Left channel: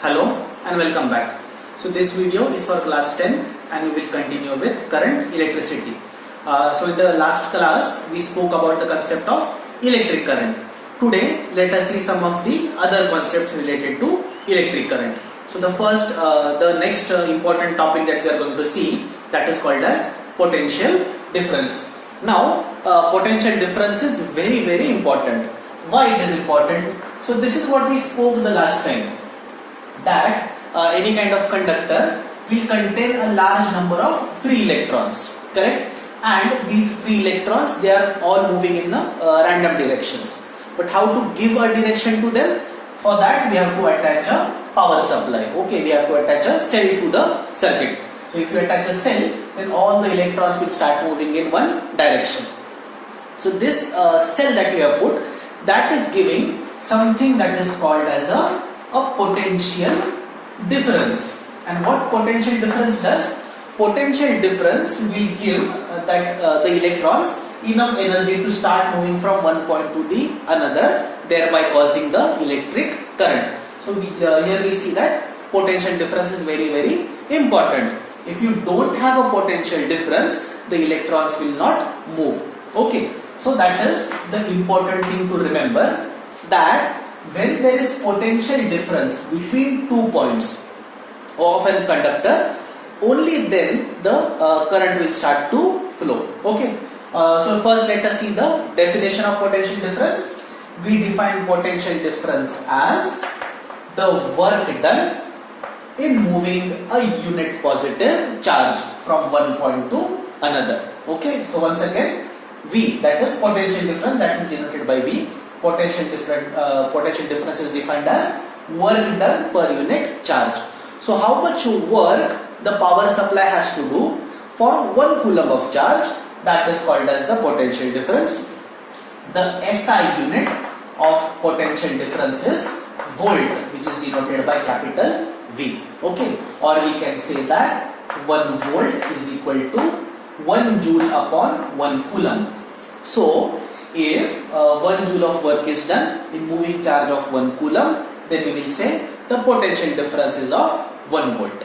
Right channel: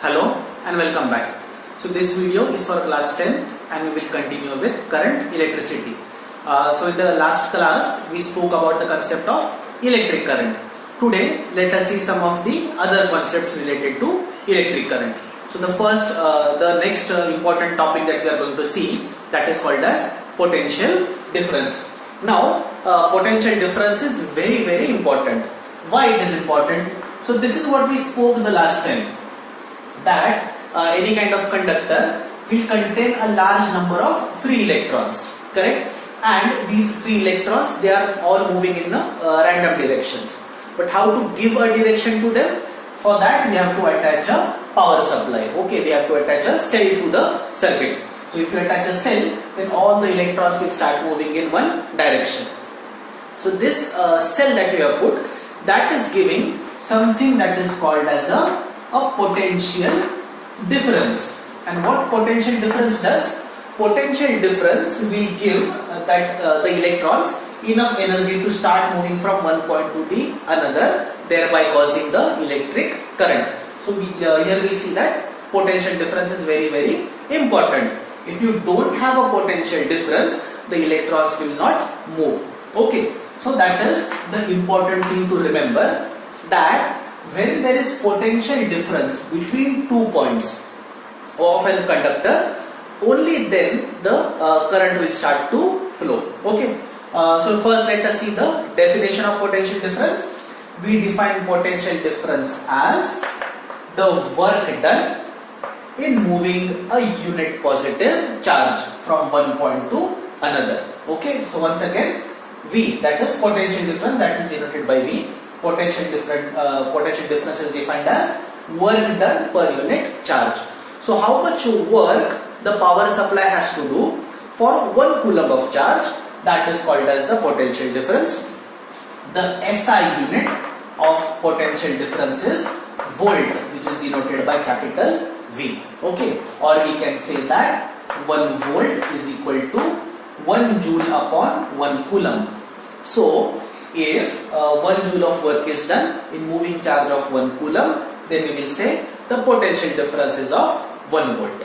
Hello and welcome back. So this video is for class 10 and we will continue with current electricity. So in the last class we spoke about the concept of electric current. Today let us see some of the other concepts related to electric current. So the next important topic that we are going to see, that is called as potential difference. Now potential difference is very important. Why it is important? So this is what we spoke the last time, that any kind of conductor will contain a large number of free electrons, correct? And these free electrons, they are all moving in random directions. But how to give a direction to them? For that we have to attach a power supply. Okay, we have to attach a cell to the circuit. So if you attach a cell, then all the electrons will start moving in one direction. So this cell that we have put, that is giving something that is called as a potential difference. And what potential difference does? Potential difference will give the electrons enough energy to start moving from one point to the another, thereby causing the electric current. So here we see that potential difference is very important. If you don't have a potential difference, the electrons will not move. Okay, so that is the important thing to remember, that when there is potential difference between 2 points of a conductor, only then the current will start to flow. Okay. So first let us see the definition of potential difference. We define potential difference as the work done in moving a unit positive charge from one point to another. Okay. So once again, V, that is potential difference, that is denoted by V. Potential difference is defined as work done per unit charge. So how much work the power supply has to do for 1 coulomb of charge, that is called as the potential difference. The SI unit of potential difference is volt, which is denoted by capital V. Okay, or we can say that 1 volt is equal to 1 joule upon 1 coulomb. So if 1 joule of work is done in moving charge of 1 coulomb, then we will say the potential difference is of 1 volt.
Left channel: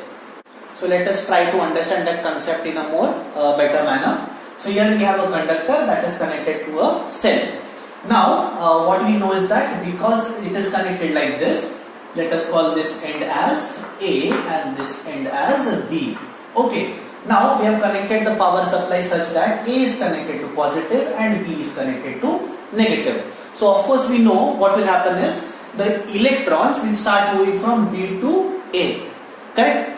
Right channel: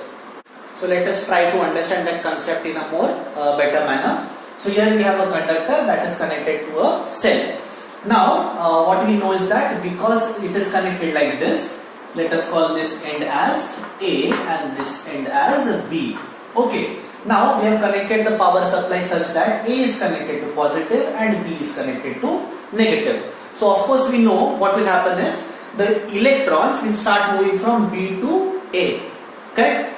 So let us try to understand that concept in a more better manner. So here we have a conductor that is connected to a cell. Now what we know is that because it is connected like this, let us call this end as A and this end as B. Okay. Now we have connected the power supply such that A is connected to positive and B is connected to negative. So of course we know what will happen is the electrons will start moving from B to A, correct?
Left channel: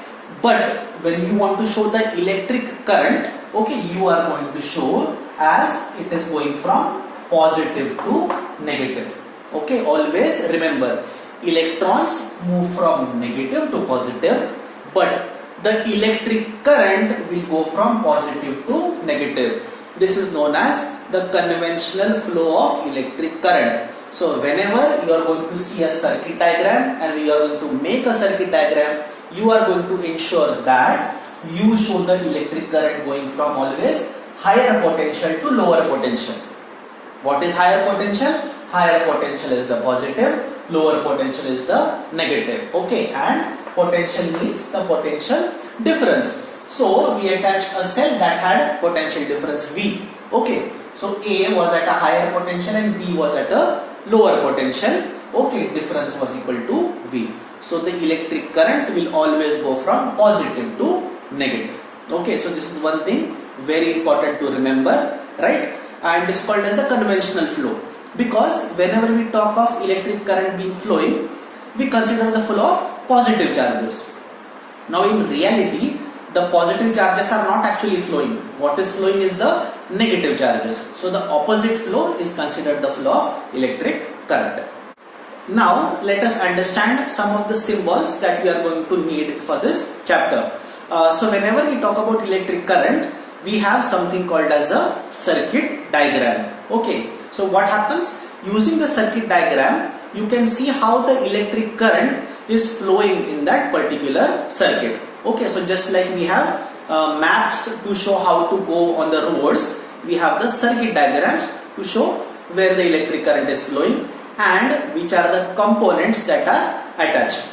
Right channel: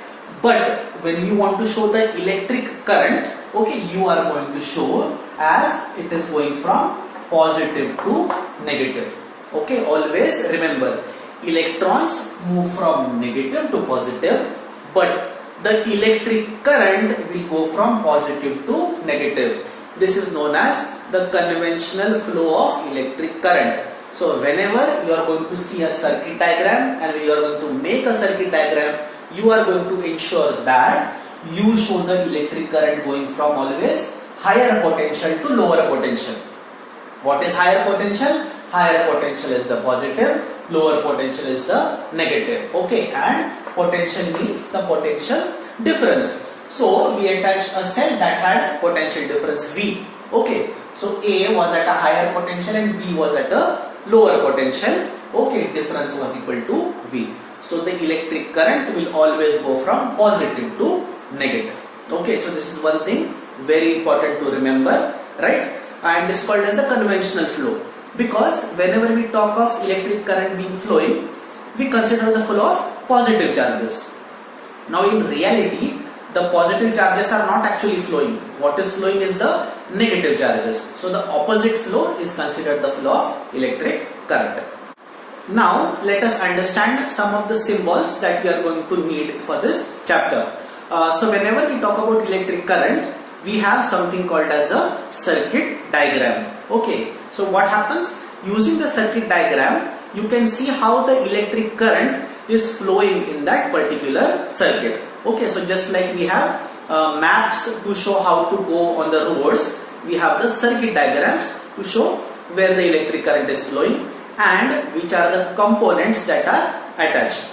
But when you want to show the electric current, okay, you are going to show as it is going from positive to negative. Okay, always remember, electrons move from negative to positive, but the electric current will go from positive to negative. This is known as the conventional flow of electric current. So whenever you are going to see a circuit diagram and you are going to make a circuit diagram, you are going to ensure that you show the electric current going from always higher potential to lower potential. What is higher potential? Higher potential is the positive, lower potential is the negative. Okay, and potential means the potential difference. So we attached a cell that had potential difference V. Okay, so A was at a higher potential and B was at a lower potential. Okay, difference was equal to V. So the electric current will always go from positive to negative. Okay, so this is one thing very important to remember, right? And it's called as the conventional flow, because whenever we talk of electric current being flowing, we consider the flow of positive charges. Now in reality, the positive charges are not actually flowing. What is flowing is the negative charges. So the opposite flow is considered the flow of electric current. Now let us understand some of the symbols that we are going to need for this chapter. So whenever we talk about electric current, we have something called as a circuit diagram. Okay, so what happens? Using the circuit diagram, you can see how the electric current is flowing in that particular circuit. Okay, so just like we have maps to show how to go on the roads, we have the circuit diagrams to show where the electric current is flowing and which are the components that are attached.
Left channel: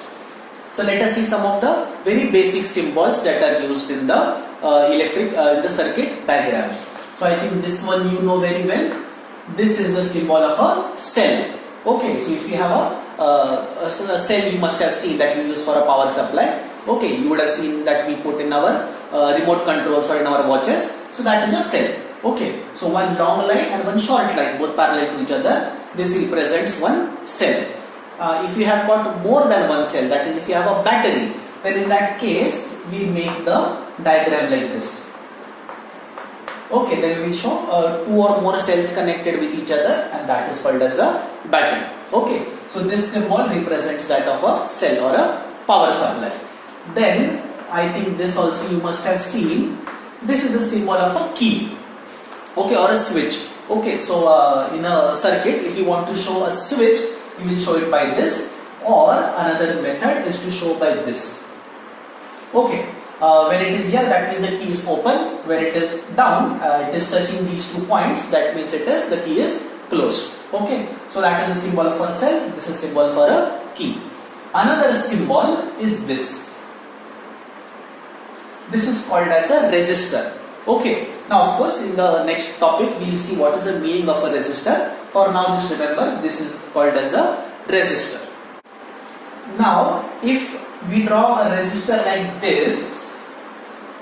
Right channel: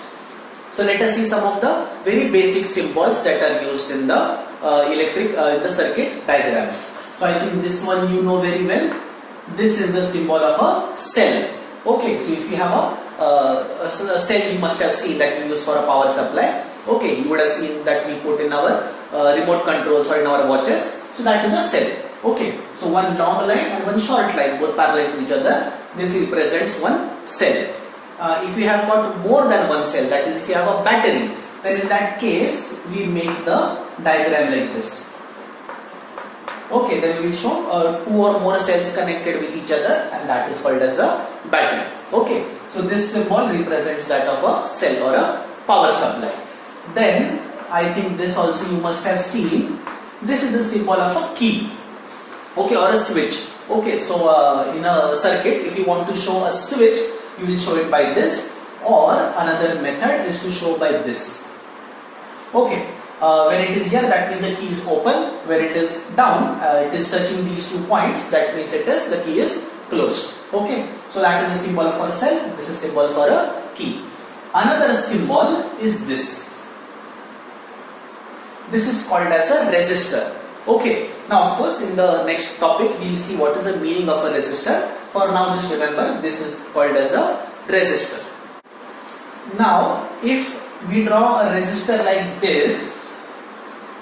So let us see some of the very basic symbols that are used in the in the circuit diagrams. So I think this one you know very well. This is the symbol of a cell. Okay, so if you have a cell, you must have seen that you use for a power supply. Okay, you would have seen that we put in our remote controls or in our watches. So that is a cell. Okay, so one long line and one short line, both parallel to each other. This represents one cell. If you have got more than one cell, that is if you have a battery, then in that case we make the diagram like this. Okay, then we will show two or more cells connected with each other, and that is called as a battery. Okay, so this symbol represents that of a cell or a power supply. Then I think this also you must have seen. This is the symbol of a key. Okay, or a switch. Okay, so in a circuit, if you want to show a switch, you will show it by this, or another method is to show by this. Okay, when it is here, that means the key is open. When it is down, it is touching these 2 points, that means the key is closed. Okay, so that is a symbol for a cell, this is a symbol for a key. Another symbol is this. This is called as a resistor. Okay, now of course in the next topic we will see what is the meaning of a resistor. For now, just remember this is called as a resistor. Now if we draw a resistor like this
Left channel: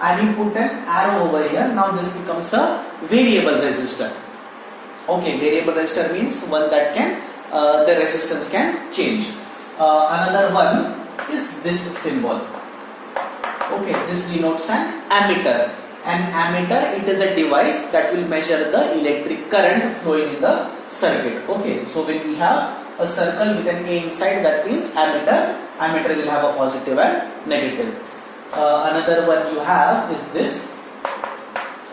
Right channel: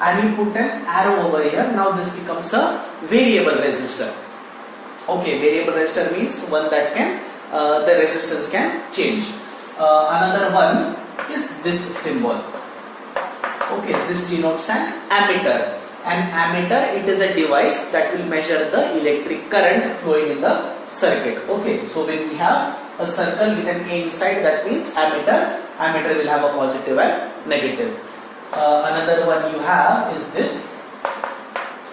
and we put an arrow over here, now this becomes a variable resistor. Okay, variable resistor means one that can the resistance can change. Another one is this symbol. Okay, this denotes an ammeter. An ammeter, it is a device that will measure the electric current flowing in the circuit. Okay, so when we have a circle with an A inside, that means ammeter. Ammeter will have a positive and negative. Another one you have is this.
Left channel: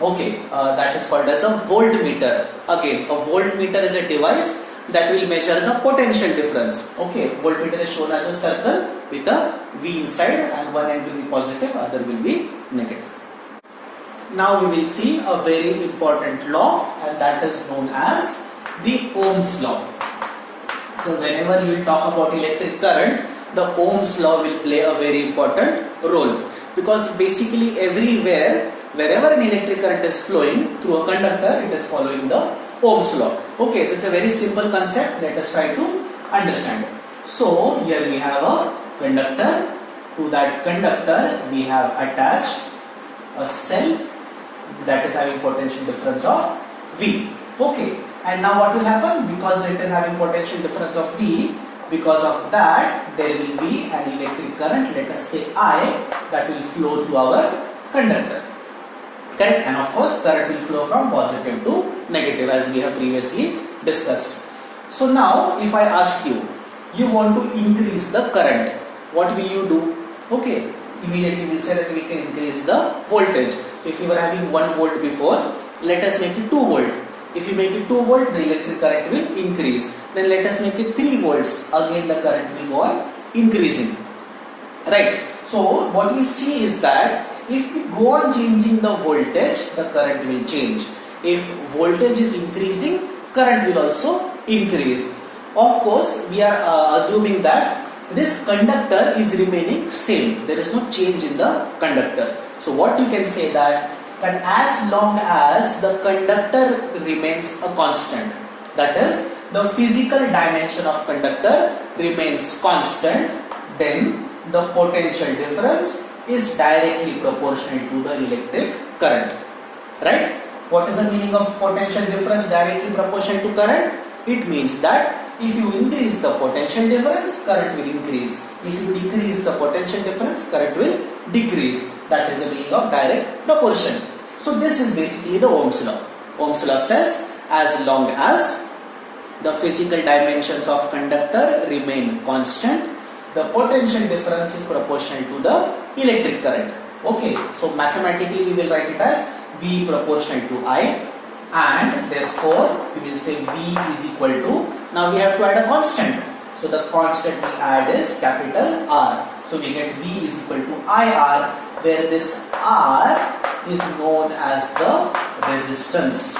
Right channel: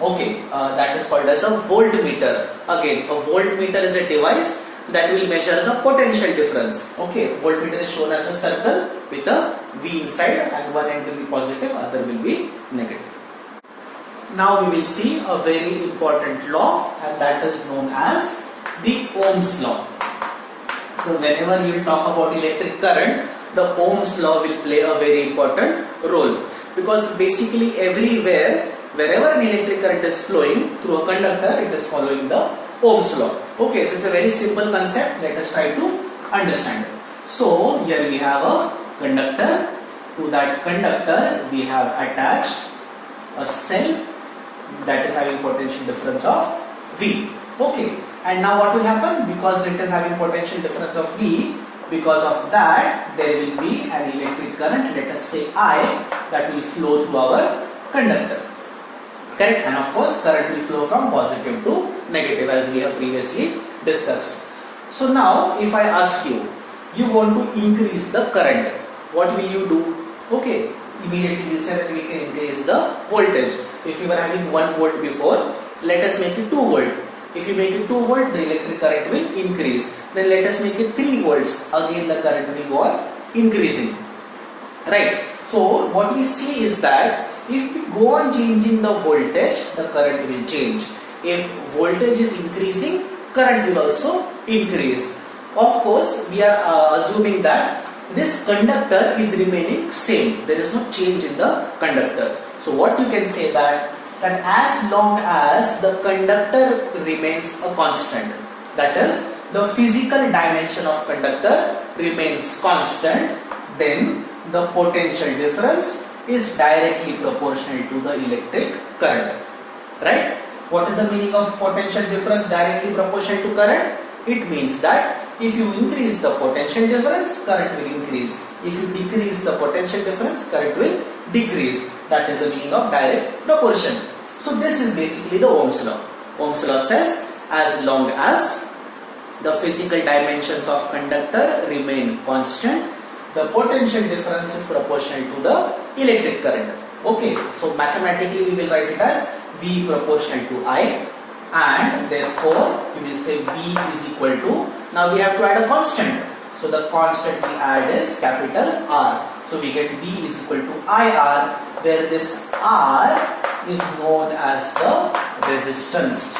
Okay, that is called as a voltmeter. Again, a voltmeter is a device that will measure the potential difference. Okay, voltmeter is shown as a circle with a V inside, and one end will be positive, other will be negative. Now we will see a very important law, and that is known as the Ohm's law. So whenever you will talk about electric current, the Ohm's law will play a very important role, because basically everywhere, wherever an electric current is flowing through a conductor, it is following the Ohm's law. Okay, so it's a very simple concept. Let us try to understand. So here we have a conductor. To that conductor we have attached a cell that is having potential difference of V. Okay, and now what will happen? Because it is having potential difference of V, because of that there will be an electric current, let us say I, that will flow through our conductor. Correct? And of course current will flow from positive to negative, as we have previously discussed. So now if I ask you, you want to increase the current, what will you do? Okay, immediately we will say that we can increase the voltage. So if you were having 1 volt before, let us make it 2 volt. If you make it 2 volt, the electric current will increase. Then let us make it 3 volts. Again the current will go on increasing. Right. So what we see is that if we go on changing the voltage, the current will change. If voltage is increasing, current will also increase. Of course, we are assuming that this conductor is remaining same. There is no change in the conductor. So what you can say that as long as the conductor remains a constant, that is the physical dimension of conductor remains constant, then the potential difference is directly proportional to the electric current. Right? What is the meaning of potential difference directly proportional to current? It means that if you increase the potential difference, current will increase. If you decrease the potential difference, current will decrease. That is the meaning of direct proportion. So this is basically the Ohm's law. Ohm's law says as long as the physical dimensions of conductor remain constant, the potential difference is proportional to the electric current. Okay, so mathematically we will write it as V proportional to I, and therefore we will say V is equal to, now we have to add a constant. So the constant we add is capital R. So we get V is equal to IR, where this R is known as the resistance.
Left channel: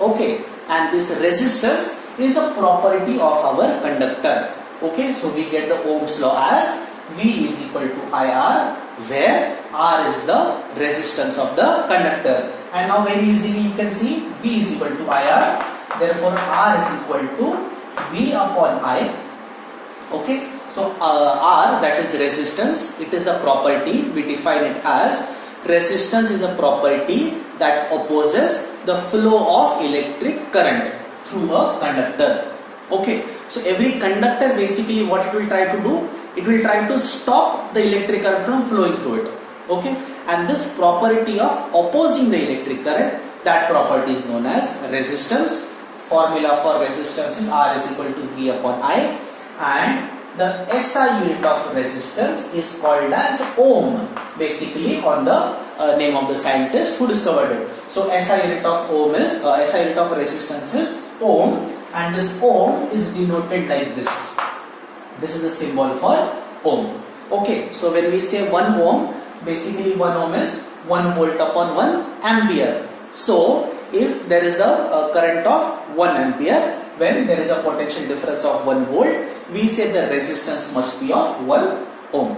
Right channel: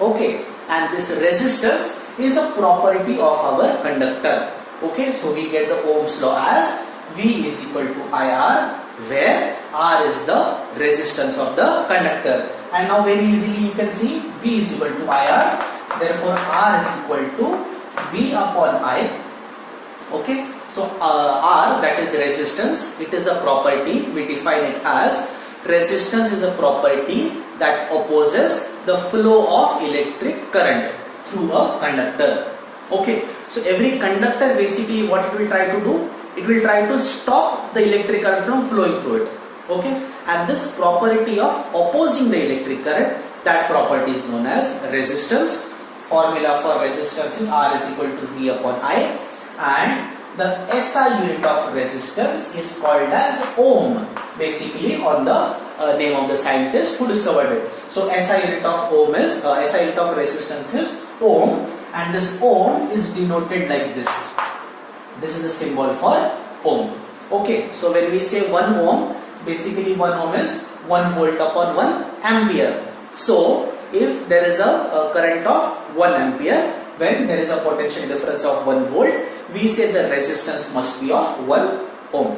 Okay, and this resistance is a property of our conductor. Okay, so we get the Ohm's law as V is equal to IR, where R is the resistance of the conductor. And now very easily you can see V is equal to IR, therefore R is equal to V upon I. Okay, so R, that is resistance, it is a property, we define it as resistance is a property that opposes the flow of electric current through a conductor. Okay, so every conductor basically what it will try to do, it will try to stop the electric current from flowing through it. Okay, and this property of opposing the electric current, that property is known as resistance. Formula for resistance is R is equal to V upon I, and the SI unit of resistance is called as ohm, basically on the name of the scientist who discovered it. So SI unit of ohm is SI unit of resistance is ohm, and this ohm is denoted like this. This is the symbol for ohm. Okay, so when we say 1 ohm, basically 1 ohm is 1 volt upon 1 ampere. So if there is a current of 1 ampere, when there is a potential difference of 1 volt, we say the resistance must be of 1 ohm.